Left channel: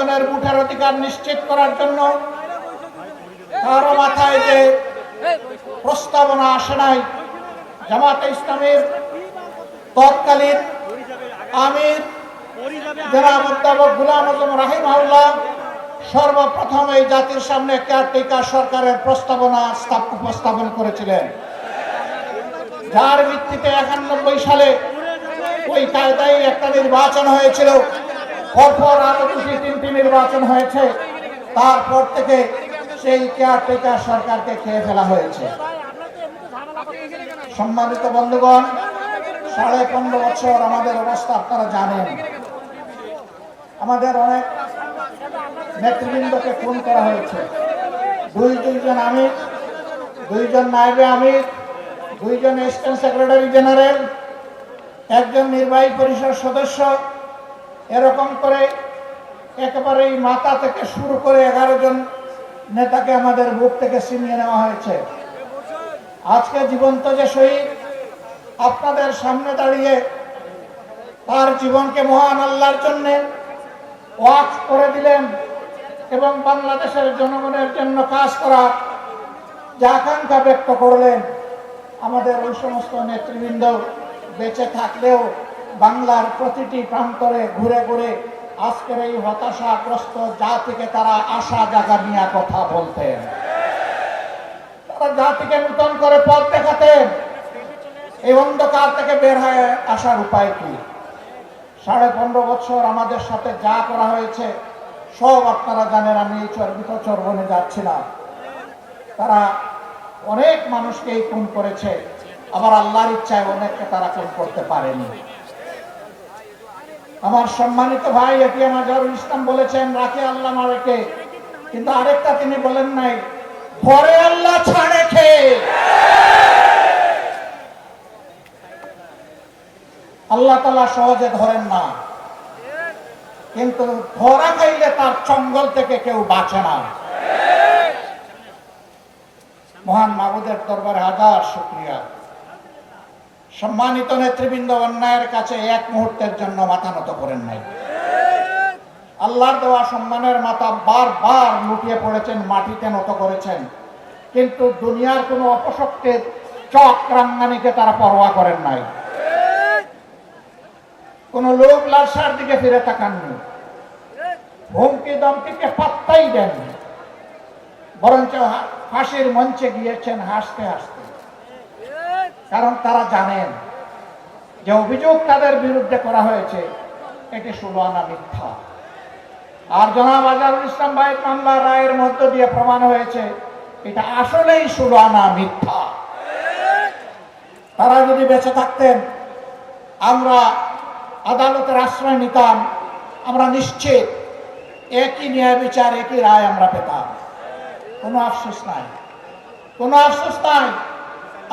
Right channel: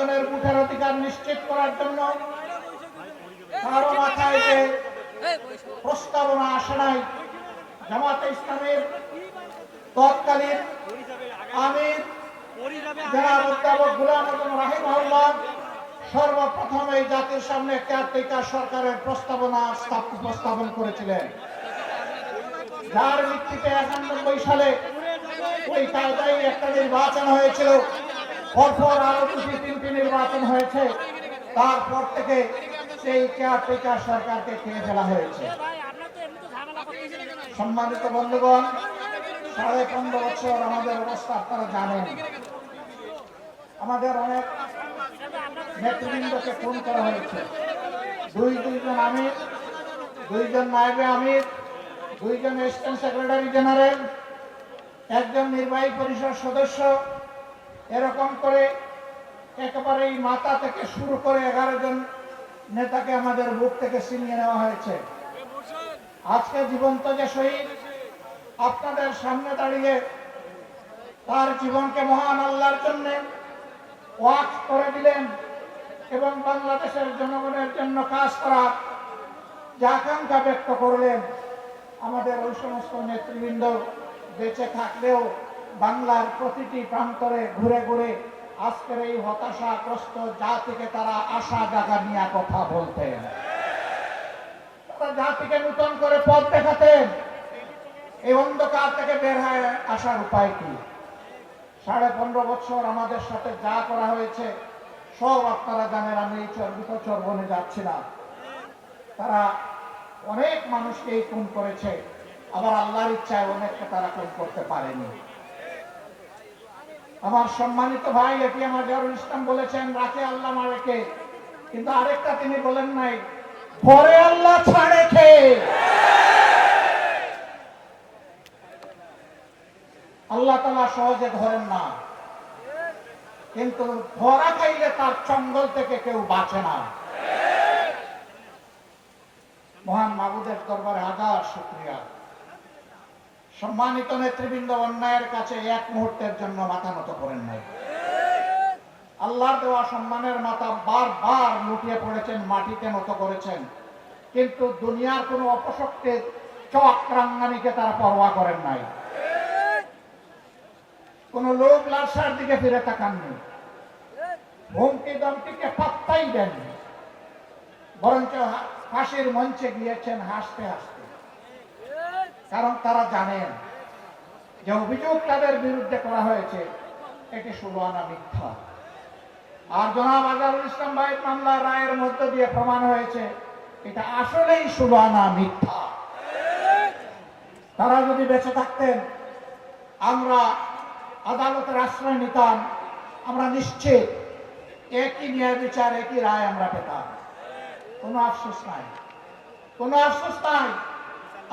জনগণের ভোটের অধিকার নিশ্চিত করার জন্য কারো মাথায় যে প্রস্তাবনা আসে নাই, জামাতে ইসলামীর তৎকালীন আমির জনাব অধ্যাপক গোলাম আজম রাহিমাহুল্লাহ সর্বপ্রথম এই জাতির সামনে কেয়ারটেকার সরকারের প্রস্তাবনা উপস্থাপন করেছিলেন, যার ভিত্তিতে 91 সালে ওই কায়দায় একটা নির্বাচন হয়েছিল। পরপর আরো তিনটি নির্বাচন হয়েছে। তারপর থেকে সেই কেয়ারটেকার সরকারকে খেয়ে ফেলা হয়েছে। সম্মানিত বন্ধুগণ, 15.5 বছর আমাদের অবস্থা আপনারা জানেন। আমাদের অনেক নেতৃবৃন্দকে খুন করা হয়েছে। দুইজন আমির, 2জন নায়েবে আমির, 2জন অ্যাসিস্ট্যান্ট সেক্রেটারি জেনারেল, 1জন নির্বাহী পরিষদ সদস্য, এরকম করে একেবারেই মাথা থেকে শুরু করে 11 জন নেতাকে আমাদের বুক থেকে ছিনিয়ে নেওয়া হয়েছে। আজকে জীবন্ত যে শহীদ আপনাদের সামনে দাঁড়িয়ে তার জীবনকে মহান আল্লাহর জন্য ওয়াকফ করে দিলেন এবং বাংলাদেশের জনগণের জন্য কাজ করার যে আকাঙ্ক্ষা ব্যক্ত করলেন, আমাদের ওই সমস্ত নেতৃবৃন্দ বেঁচে থাকলেও বাংলার প্রতিটি প্রান্তরে ঘুরে ঘুরে আজকের এই হতাশাগ্রস্ত জাতিকে তারা আশা জাগা নিয়ে কথা বলতেন। তারা জাতিকে নতুন করে পথ দেখাতেন। এই অন্ধকার থেকে বের হয়ে আসার উপায় কি? 15.5 বছর আমাদের সাথে যা করা হয়েছে সব আপনারা জানেন। আমি চর্বিত চর্বনে যাচ্ছি না। তারা অনেক মানুষকেই খুন করেছে, আবার আল্লাহর ইচ্ছায় অনেককে তারা খুন করতে পারেনি। আমার সম্মানিত ভাই এটিএম আজহারুল ইসলাম বলেছেন, রাখে আল্লাহ মারেকে, কিন্তু আরেকটা তিনি বলেন নাই, ধরে আল্লাহ ছাড়ে খেয়ে। আল্লাহ তাআলা সহজে ধরেন না, কিন্তু ধরা খাইলে তার চঙ্গল থেকে কেউ বাঁচে না। মহান মাবুদের দরবারে হাজার শুকরিয়া। সম্মানিত নেতৃবৃন্দ অন্যায়ের কাছে এক মুহূর্তের জন্য মাথা নত করেন নাই। আল্লাহর দেওয়া সম্মানের মাথা বারবার লুটিয়ে পড়েছেন, মাটিতে নত করেছেন, কিন্তু দুনিয়ার কোনো অপশক্তির চক্রাঙ্গানিকে তারা পরোয়া করেন নাই। কোন লোক লালসার দিকে ফিরে তাকাননি, হুমকি দমকিকে পাত্তাই দেননি, বরঞ্চ ফাঁসির মঞ্চে গিয়েছেন হাসতে হাসতে। কারণ তারা জানেন যে অভিযোগ তাদের বিরুদ্ধে করা হয়েছে এটি 16 আনা মিথ্যা। আর জনাব আজহারুল ইসলাম ভাইয়ের মামলা রায়ের মধ্য দিয়ে প্রমাণ হয়েছে এটা আসলেই 16 আনা মিথ্যা। তারা যদি বেঁচে থাকতেন, আমরা আদালতের আশ্রয় নিতাম, আমরা নিশ্চিত একই ন্যায় বিচার, একই রায় আমরা পেতাম। কোনো আফসোস নাই, কোনো আফসোস নাই।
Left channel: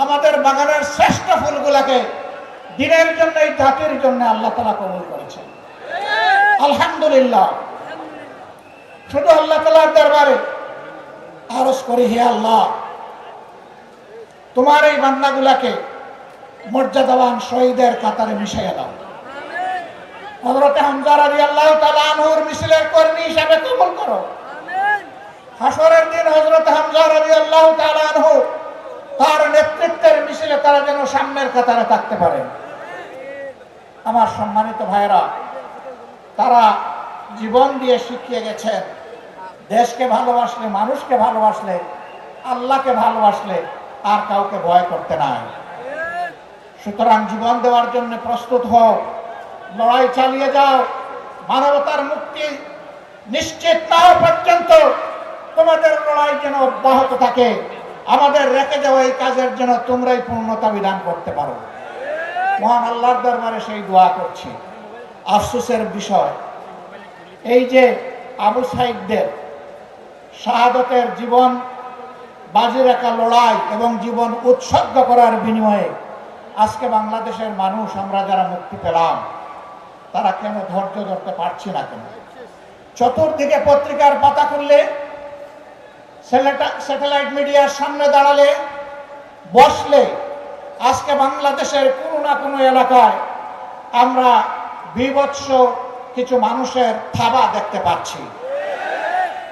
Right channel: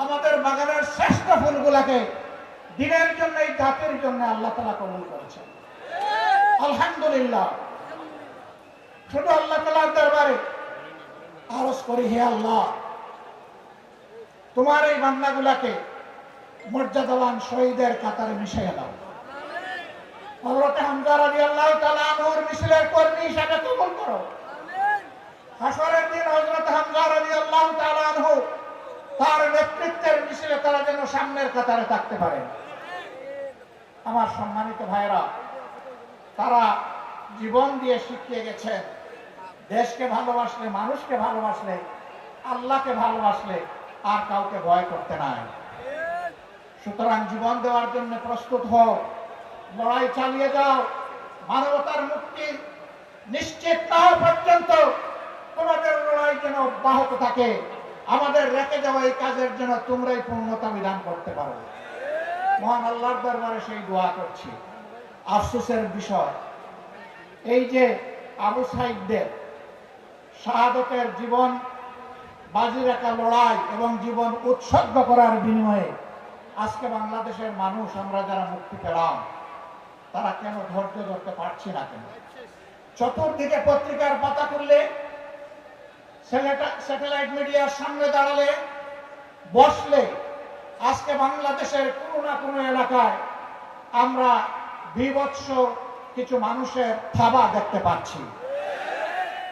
আমাদের বাগানের শ্রেষ্ঠ ফুলগুলাকে দিনের জন্য, এই জাতির জন্য আল্লাহ তাআলা কবুল করেছেন, আলহামদুলিল্লাহ। শুধু আল্লাহ তাআলার দরবারে আরজ করি, হে আল্লাহ, তোমার এই বান্দাগুলাকে মর্যাদাবান শহীদের কাতারে মিশিয়ে দাও। হযরত হামজা রাদিয়াল্লাহু তাআলা আনহুর মিছিলের কর্মী হিসাবে কবুল করো। হাসরের দিন হযরত হামজা রাদিয়াল্লাহু তাআলা আনহু তার নেতৃত্বের মিছিলে তারা যেন সামনের কাতারে থাকতে পারে। আমার সম্মানিত ভাইরা, তারা জীবন দিয়ে শিখিয়ে গেছেন, দেশকে ভালোবাসলে, মানুষকে ভালোবাসলে, আল্লাহকে ভালোবাসলে আর কাউকে ভয় করতে নাই। সুতরাং জীবন দেওয়ার জন্য প্রস্তুত হও, লড়াই চালিয়ে যাও। মানবতার মুক্তি নিশ্চিত না হওয়া পর্যন্ত তোমাদের লড়াই যেন অব্যাহত থাকে। আমাদের রেখে যাওয়া এই কাজের যেন তোমরাই পূর্ণতা বিধান করতে পারো। মহান আল্লাহর দরবারে সেই দোয়া করছি। আফসোসের বিষয় এই যে আবু সাঈদদের শাহাদতের জীবন বাজি রাখা লড়াই এবং জীবন উৎসর্গ করার বিনিময়ে আজকে বাংলাদেশের মানুষ, আমরা যারা মুক্তি পেলাম, তারা কেন ধৈর্য ধরতে পারছি না? কেন? চতুর্দিকে পত্রিকার পাতা খুললে, স্যাটেলাইট মিডিয়ার সামনে দাঁড়ালে, বসলে, আজকে বাংলাদেশের কোনো না কোনো এলাকায় আমরা বীভৎস কিছু মানুষের থাবা দেখতে পাচ্ছি।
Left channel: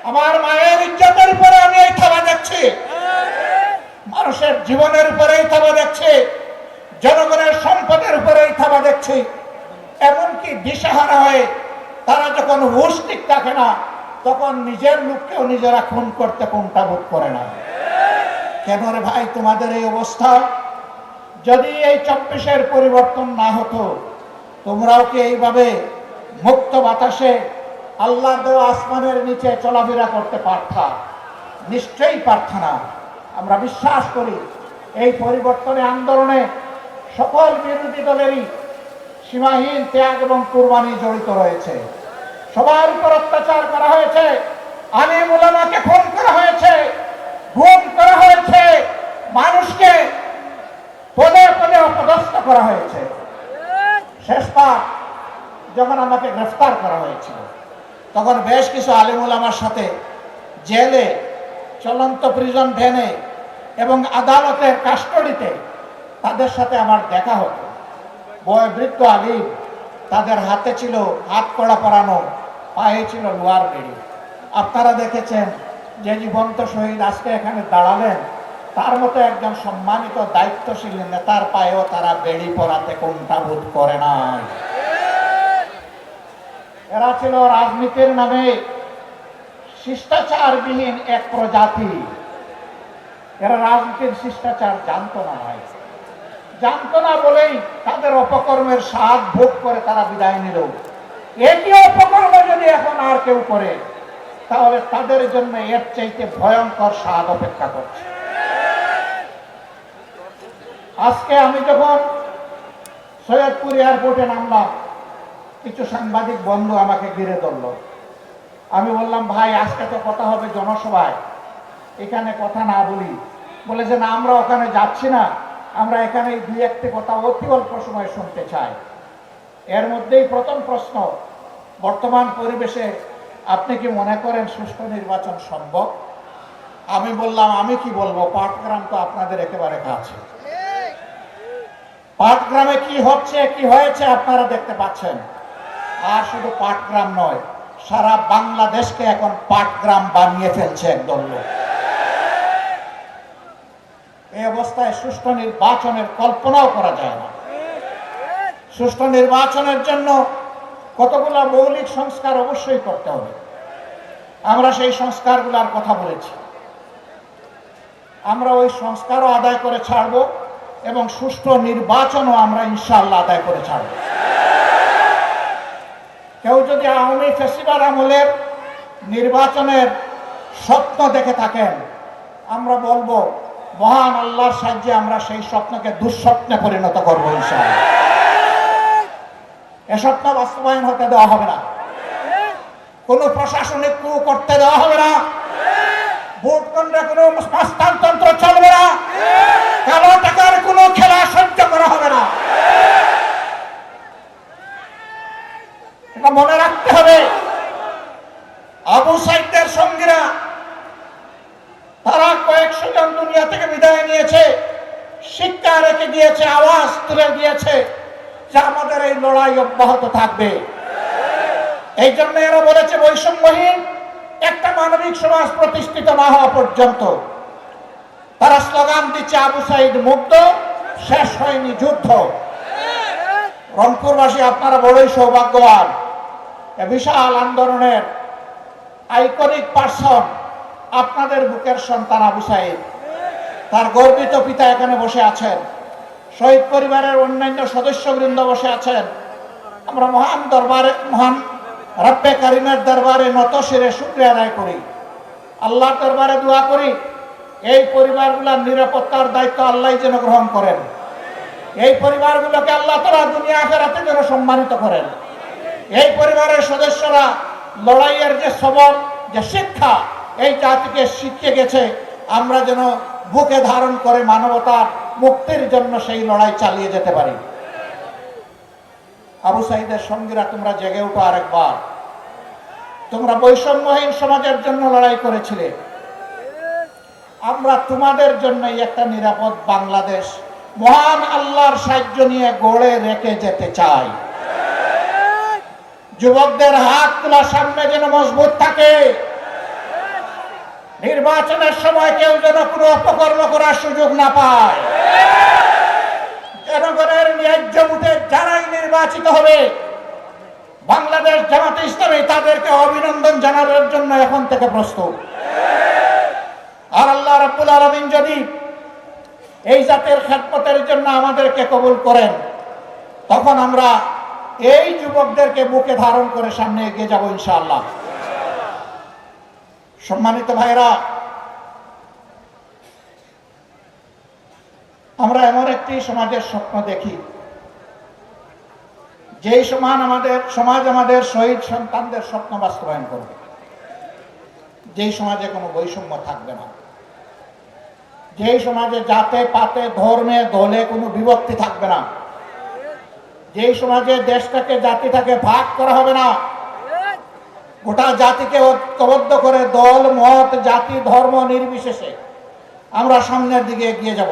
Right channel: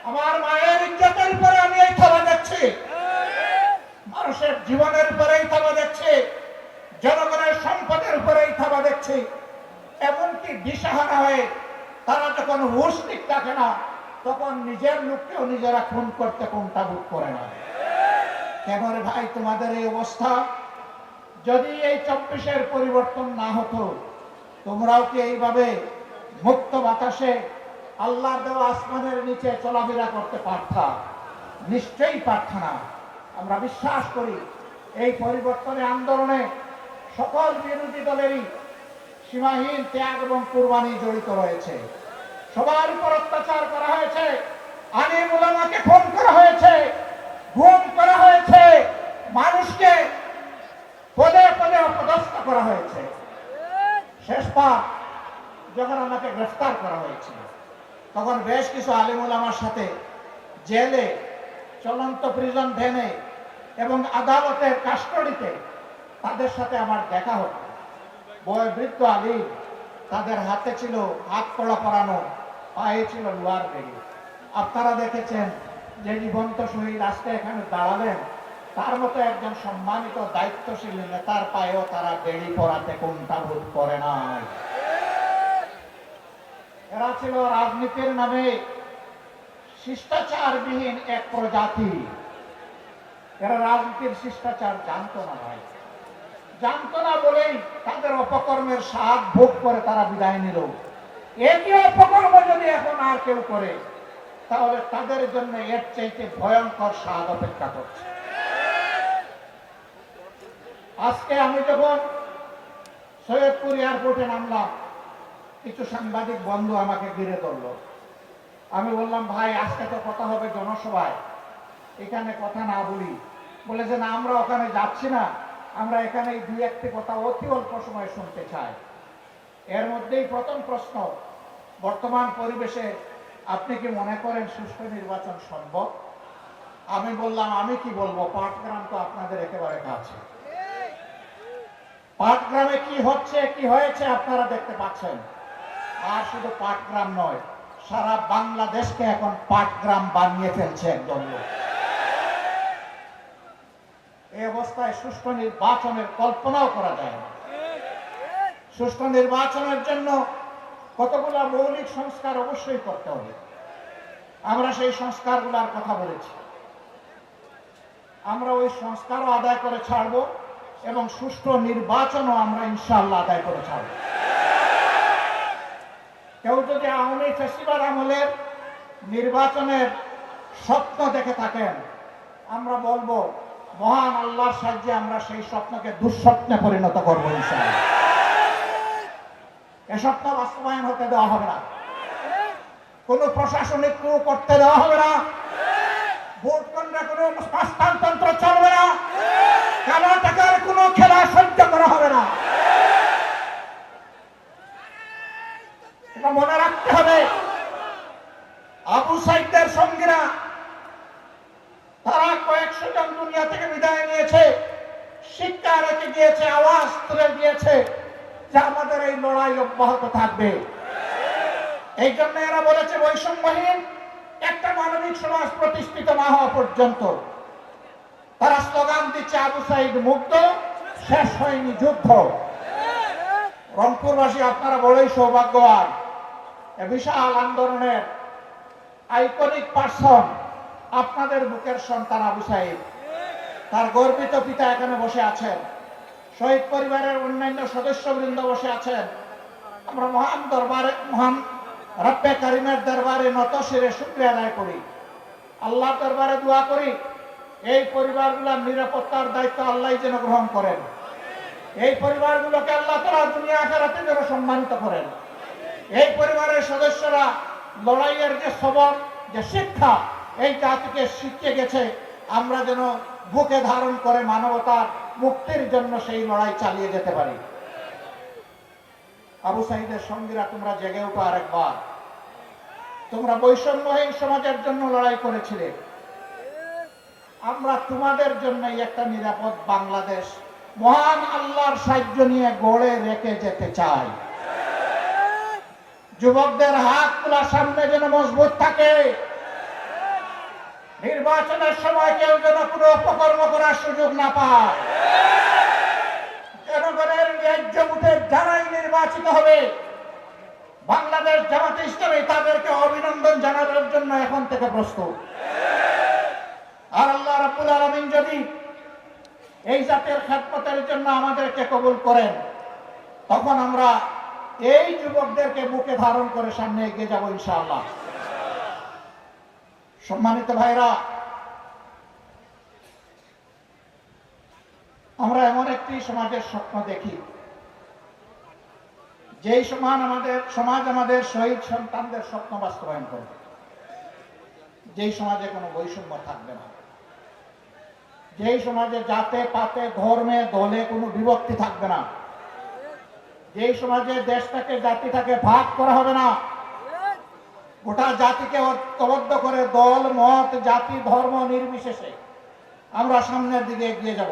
আমার মায়ের ইজ্জতের উপরে আমি এই থাবা দেখছি, মানুষের জীবনের উপরে এই থাবা দেখছি, জনগণের সম্পদের উপরে এই থাবা দেখছি। এমনকি দিশাহারা হয়ে তারা যখন হুঁশ ঠিক থাকে না, তখন নিজের লোককেও নিজেরা খুন করতে কোনটা বোধ করে না। কেন রে ভাই তোমাদের এই অবস্থা? যদি এই 24-এর পরিবর্তন না হতো, তোমরাও কি এইভাবে মুক্ত বাতাসে আল্লাহর দেওয়া আসমানের নিচে চলাফেরা করতে পারতা? নিশ্চয়ই পারত না। আমরা বিশ্বাস করি এই পরিবর্তনে আন্দোলনে সকল বিরোধী দলেরই সীমাহীন ত্যাগ এবং কুরবানি জড়িত রয়েছে। সবার উপর অত্যাচার করা হয়েছে, আলিম উলামাকে খুন করা হয়েছে, গুম করা হয়েছে, মানুষকে পদে পদে অপদস্থ করা হয়েছে। শেষবার যখন আমাকে গ্রেফতার করা হয়েছিল, তখন বেশ কিছু আলিম উলামার সাথে জেলে, চলন্ত প্রিজন ভ্যানে এবং আদালতের কাস্টডিতে তাদের সাথে আমার দেখা হতো। বয়োবৃদ্ধ আলিম, তাদের হাতে ছিল হাত কড়া পরানো, পায়ে ছিল লোহার বেড়ি। আপনারা দেখেছেন যে জীবন্ত শহীদ আজকে এখানে দাঁড়ালেন, তার মতো একজন সম্মানিত দায়িত্বশীল নেতার পায়েও তারা বেড়ি পরাতে কোনটা বোধ করে না। এরা ছিল রাজনীতির নামে শিষ্টাচারবিহীন এক প্রজাতি। এরা রাজনীতির শিষ্টাচার জানতো না ভাই, জানতো না বলেই তাদের অপকর্মের স্বাদ ভোগ করে তারা বিদায় নিল। একই অপকর্ম যদি এখন আর কেউ করে, তাহলে তাদের জন্য এর চাইতে ভয়ঙ্কর স্বাদ অপেক্ষা করছে। আজকে আমি যখন সৈয়দপুর এয়ারপোর্টে নামলাম, কিছু সাংবাদিক বন্ধু আমাকে ঘিরে ধরল। আমি বললাম, ভাই আজকে তো কথা হবে জনসভায়, এখানে কথা না বলি। বলে যে না, আমরা ওখানে যাচ্ছি না, আমরা এখানে দুই একটি কথা অতি অল্প সময় শুনতে চাই। এর মধ্যেই প্রথম প্রশ্ন, বর্তমান পরিবেশে আপনি কি মনে করেন সুষ্ঠু নির্বাচন সম্ভব? আমি বললাম, আমি কি বলবো, পাটগ্রাম তো আপনাদের একেবারে কাছে। পাটগ্রামে কি হচ্ছে কি হয়েছে আপনারা দেখতে পাচ্ছেন। আর শুধু পাটগ্রাম নয়, সারা বাংলাদেশকে এখন পাটগ্রাম বানিয়ে ফেলছে একদম লোক। এই অবস্থায় সুষ্ঠু নির্বাচনের কল্পনাও করা যায় না। সুষ্ঠু নির্বাচনের জন্য কতগুলো মৌলিক সংস্কার অবশ্যই করতে হবে। আমরা সেই সংস্কারগুলোর কথা বলেছি। আমরা ওই সংস্কারও আদায় করে ছাড়ব এবং সুষ্ঠু নির্বাচনও আমরা ইনশাআল্লাহ আদায় করে ছাড়ব। কেউ যদি আওয়ামী ফেসিবাদ আমলের নির্বাচনের স্বপ্ন দেখে থাকেন, আমরা বলবো মহান আল্লাহর সাহায্যে আমরা সেই স্বপ্নকে দুঃস্বপ্নে পরিণত করবো ইনশাআল্লাহ। এ স্বপ্ন বাস্তবায়ন হতে দেওয়া হবে না, কোন প্রশাসনিক ক্রু করতে দেওয়া হবে না, ভোট কেন্দ্রে কোনো হস্তান্তর চলবে না, কালো টাকার কোনো খেলা সহ্য করা হবে না। এটা মনে রাখতে হবে। আবু সাইদের সঙ্গীরা তারা কয়েকশো জন দুনিয়া থেকে বিদায় নিয়েছে, শিক্ষা রেখে দিয়েছে, আওয়াজ তুলে দিয়েছে যে আমাদের এই লড়াই অব্যাহত থাকবে। এই জন্য এরা বলেছে বৈষম্যহীন একটা মানবিক সমাজ প্রতিষ্ঠিত না হওয়া পর্যন্ত। তারা স্লোগান দিচ্ছে আবু সাইদ মুক্ত, শেষ হয়নি যুদ্ধ। রংপুরবাসী আপনারা বড়ই সৌভাগ্যবান, বিশাল আন্দোলনের আইকনিক পার্সন আপনাদের বুকের সন্তান আবু সাইদ। তার গর্বিত পিতা এখানে বসে আছেন, শহীদ পরিবারের অন্যান্য সদস্যবৃন্দ বসে আছেন। আমরা মহান দরবারে, মহান রব্বে কারিমের দরবারে নত শিরে শুকরিয়া আদায় করি, আল্লাহর দরবারে দোয়া করি এই পরিবারগুলোর নিরাপত্তার দায়িত্ব আল্লাহ যেন গ্রহণ করেন। এই পরিবারগুলোকে আল্লাহ তাআলা দুনিয়া আখিরাতে যেন সম্মানিত করেন। এই পরিবারের সদস্যরা লড়াইয়ের যে সবল, যে শিক্ষা এই জাতিকে শিখিয়ে গেছে, আমরা যেন বুকে ধারণ করে মানবতার মুক্তির জন্য সেই লড়াই চালিয়ে যেতে পারি। আবু সাইদের সঙ্গীরা, তোমরা জেগে উঠো আরেকবার। তোমরা বৈষম্যহীন সমাজের জন্য লড়াই করেছিলে, আমরা তোমাদের জন্যই একটা নিরাপদ বাংলাদেশ মহান আল্লাহর সাহায্য নিয়ে গড়ে রেখে যেতে চাই। যুবকদের হাত তোলার সামনে যেন মজবুত থাকে। নির্বাচনের সময় কেউ যেন কোনো অপকর্ম করার সুযোগ না পায়। জনগণের ন্যায্য ভোটে যারাই নির্বাচিত হবে, বাংলাদেশ জামাতে ইসলামী তাদেরকে অভিনন্দন জানানোর জন্য এখন থেকে প্রস্তুত। আর আল্লাহ রাব্বুল আলামিন যদি এই জাতের খেদমতের জন্য আমাদেরকে কবুল করেন, তখন আমরা এই যুবকদেরকে বুকে ধারণ করে সামনে এগিয়ে যাব ইনশাআল্লাহ। সম্মানিত ভাইরা, আমরা এমন একটি সমাজের স্বপ্ন দেখি, যেই সমাজ আমাদের শহীদ সন্তানদের স্বপ্ন বাস্তবায়ন করবে, যেই সমাজে কোনো বৈষম্য থাকবে না, যেই সমাজে জাতে পাতে ধর্মে দলে কোনো বিভক্তি থাকবে না, যেই সমাজে দেশটাকে জাতিটাকে ভাগ করা হবে না, গোটা জাতিকে ঐক্যবদ্ধ করে দল মত জাতি ধর্ম নির্বিশেষে আমরা সামনের দিকে এগিয়ে যাব।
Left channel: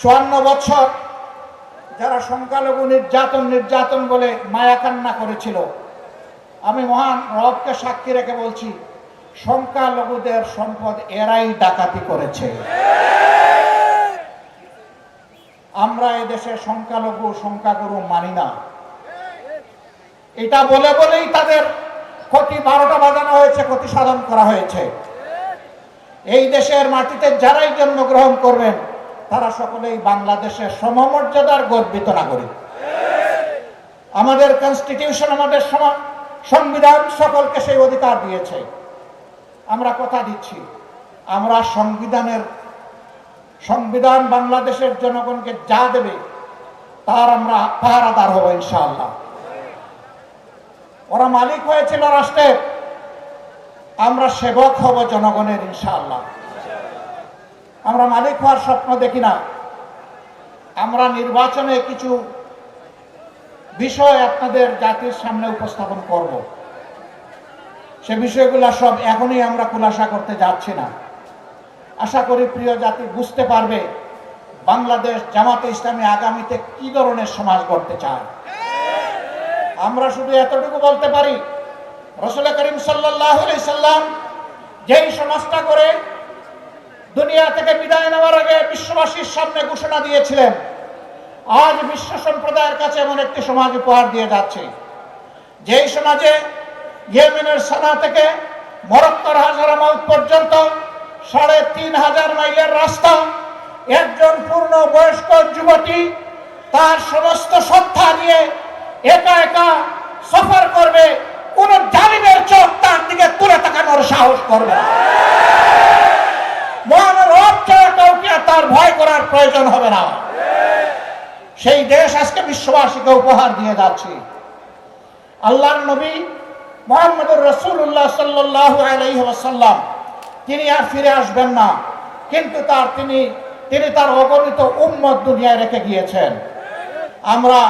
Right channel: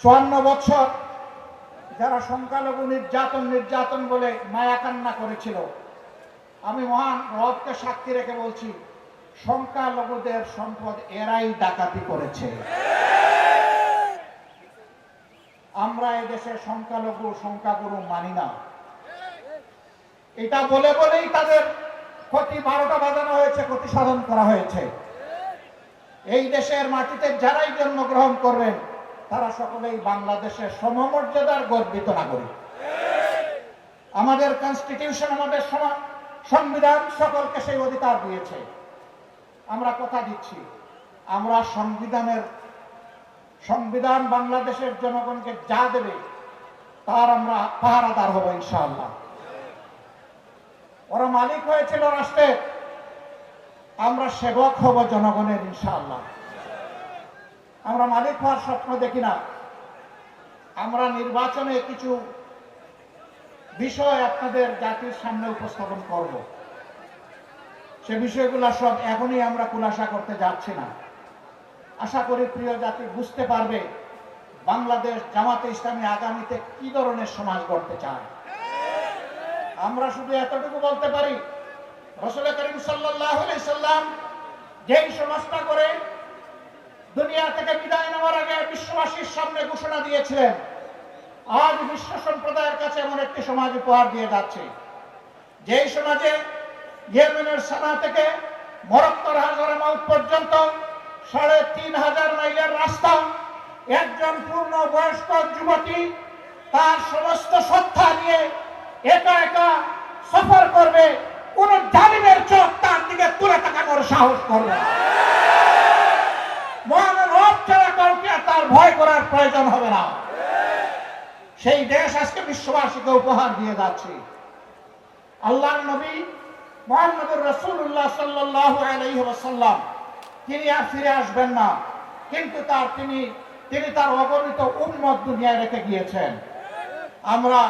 54 বছর যারা সংখ্যালঘু নির্যাতন বলে মায়া কান্না করেছিল, আমি মহান রবকে সাক্ষী রেখে বলছি, সংখ্যালঘুদের সম্পদ এরাই ডাকাতি করেছে। আমরা এদেশে সংখ্যাগুরু মানি না। এটা বলেই তাদের ক্ষতি 12টা বাজানো হয়েছে, ক্ষতি সাধন করা হয়েছে। এই দেশের মাটিতে যারাই জন্মগ্রহণ করবেন, তারা সকলেই বাংলাদেশের সমমর্যাদার গর্বিত নাগরিক। আমাদের কনস্টিটিউশন, আমাদের সংবিধান সকলকে সেই অধিকার দিয়েছে। আমরা কথা দিচ্ছি, আমরা সংবিধান বাংলাদেশের জনগণকে যা দেবে তার আমরা পাহারাদার হব ইনশাআল্লাহ। ওরা মালিক হয়েছিল রাষ্ট্রের, আমরা সেবক হব জনগণের ইনশাআল্লাহ। আমরা মালিক হওয়ার স্বপ্ন দেখি না। আমরা নির্বাচনে কিছু বিষয় আপনাদের জাতির সামনে উপস্থাপন করব। সে বিষয়গুলো সব এখনই আমরা খুলাসা করতে যাচ্ছি না। আশা করি প্রিয় জাতি বুঝতে পারবে বাংলাদেশ জামাতে ইসলামী আগামীতে কি ধরনের সমাজ গড়তে চায়। আমরা শুধু এতটুকু বলতে পারি, রাসূল করিম সাল্লাল্লাহু আলাইহি সাল্লাম যেই সমাজটা করে দুনিয়া থেকে বিদায় নেওয়ার আগে বিশ্ববাসীর সামনে ঘোষণা দিয়েছিলেন, আজ বিশ্ব সম্প্রদায়ের কাছে এমন একটি সমাজ উপহার দিয়ে যাচ্ছে, যেই সমাজে ইয়েমেনের সানা থেকে মরক্কোর হাজারামাউত পর্যন্ত 3500 মাইলের রাস্তা, একজন পূর্ণ বয়স্ক যুবতী তার সমস্ত সত্তা নিয়ে একা একা সফর করবে, কোন জালিমের চোখ তার দিকে তুলে তাকানোর সাহস করবে না। মহান রব ছাড়া কাউকে তার ভয় করার প্রয়োজন হবে না। সেই দেশ আজকে বিশ্ববাসীকে উপহার দিয়ে যাচ্ছে। আল্লাহর নবী মুহাম্মদুর রাসূলুল্লাহ সাল্লাল্লাহু আলাইহি ওয়াসাল্লাম তিনি আর ফিরে আসবেন না, কিন্তু তিনি তার অগণিত উম্মত দুনিয়ায় রেখে গিয়েছেন। আমরা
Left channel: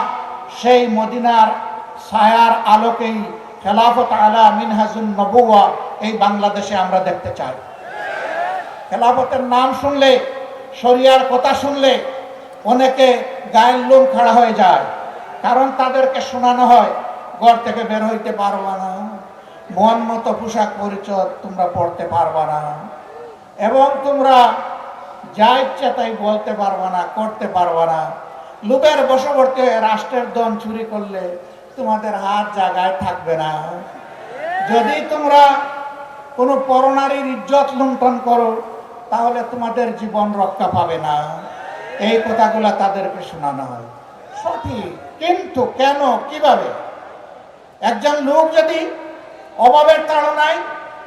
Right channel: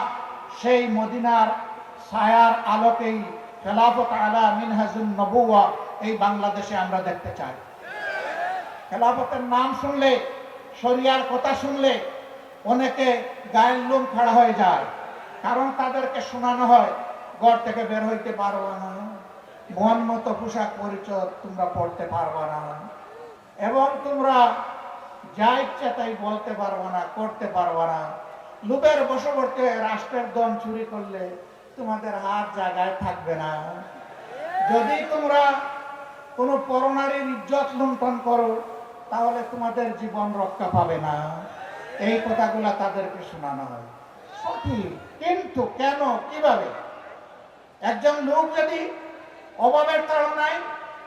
সেই মদিনার ছায়ার আলোকেই খেলাফত আলা মিনহাজুন নবুওয়া এই বাংলাদেশে আমরা দেখতে চাই। খেলাফতের নাম শুনলে, শরিয়ার কথা শুনলে অনেকে গায়ের লোম খাড়া হয়ে যায়, কারণ তাদেরকে শোনানো হয় ঘর থেকে বের হইতে পারবা না, মন মতো পোশাক পরিচয় তোমরা পড়তে পারবা না, এবং তোমরা যা ইচ্ছা তাই বলতে পারবা না, করতে পারবা না। লোকের বশবর্তী রাষ্ট্রের ধন চুরি করলে তোমাদের হাত জায়গায় থাকবে না। যদি তোমরা কোনো পরনারীর ইজ্জত লুণ্ঠন করো তাহলে তোমাদের জীবন রক্ষা পাবে না। এই কথাগুলো তাদেরকে শোনানো হয়। সঠিক, কিন্তু কেন, কিভাবে? একজন লোক যদি অভাবের তাড়নায়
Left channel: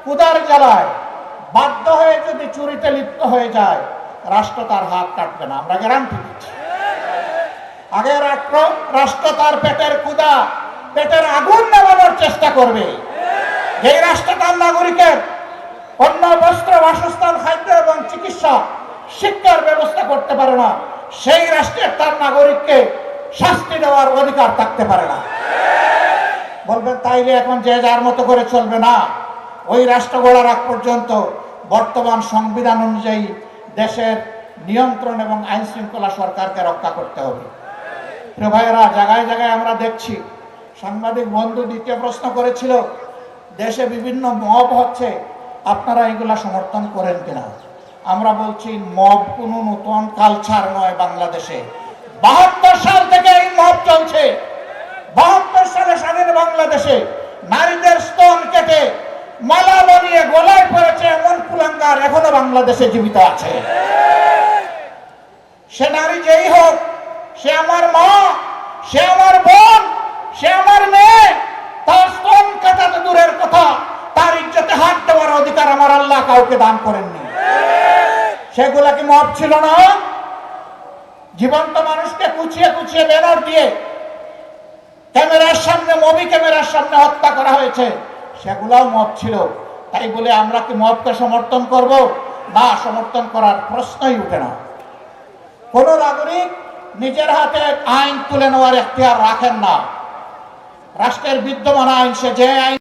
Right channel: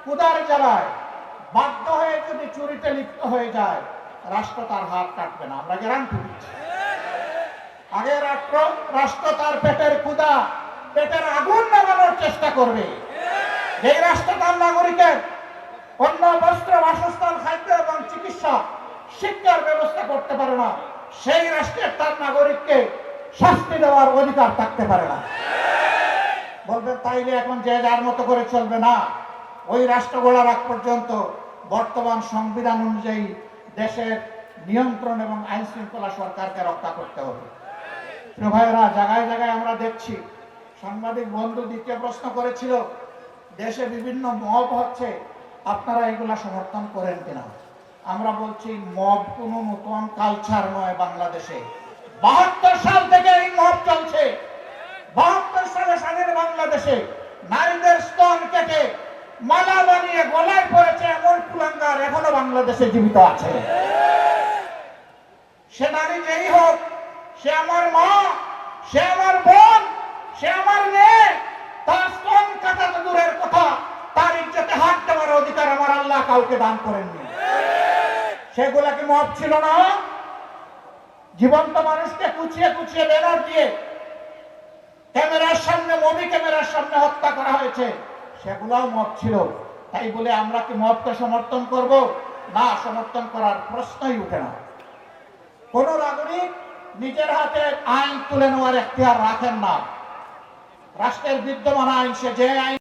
ক্ষুধার জ্বালায় বাধ্য হয়ে যদি চুরিতে লিপ্ত হয়ে যায়, রাষ্ট্র তার হাত কাটবে না, আমরা গ্যারান্টি দিচ্ছি। আগে রাষ্ট্র তার পেটের ক্ষুধা, পেটের আগুন নেভানোর চেষ্টা করবে। যেই রাষ্ট্র তার নাগরিকের অন্ন, বস্ত্র, বাসস্থান, খাদ্য এবং চিকিৎসা, শিক্ষার ব্যবস্থা করতে পারে না, সেই রাষ্ট্রের তার নাগরিককে শাস্তি দেওয়ার অধিকার থাকতে পারে না। বলবেন তাইলে এখন যে যার মতো করে চলবে না। ওই রাষ্ট্র গড়ার আগ পর্যন্ত বর্তমান সংবিধান অনুযায়ী দেশের নিয়ন্ত্রণ এবং আইন শৃঙ্খলা সরকারকে রক্ষা করতে হবে। প্রিয় ভাইয়েরা, জায়গায় জায়গায় আমরা দেখছি সাংবাদিক বন্ধু দ্বিতীয় প্রশ্ন করেছিল, দেশে বিভিন্ন মব হচ্ছে, আপনারা এগুলা সমর্থন করেন কিনা? আমরা বলছি মব কোনো নতুন কালচার নয় বাংলাদেশে। 72 সাল থেকে এই মব চলছে। 72 সালে স্বাধীন বাংলাদেশে নারীদের স্তন কেটে মালা বানিয়ে গলায় পড়েছে এমন কুলাঙ্গার এখনো বাংলাদেশে জীবিত আছে। সে নারী যেই হোক, সে আমার মা, সে আমার বোন, সে আমার মেয়ে, তার স্তন কাটাতে দূরের কথা, তার ইজ্জতে হাত দেওয়ার অধিকার আমার আল্লাহ কাউকে দান করেননি। সেগুলা কি মব ছিল না? জীবন্ত মানুষকে কুচিয়ে কুচিয়ে ব্যানার দিয়ে ক্যামেরার সামনে, মুভি ক্যামেরার সামনে হত্যা করা হয়েছে, সেগুলাও মব ছিল। তাই বলে আমরা কি মবকে সমর্থন করব? না, সমর্থন করার প্রশ্নই উঠে না। কোন নাগরিক নিজের হাতে আইন তুলে নেওয়ার এখতিয়ার রাখেন না। রাষ্ট্রের বিদ্যমান আইন, সে যে আইন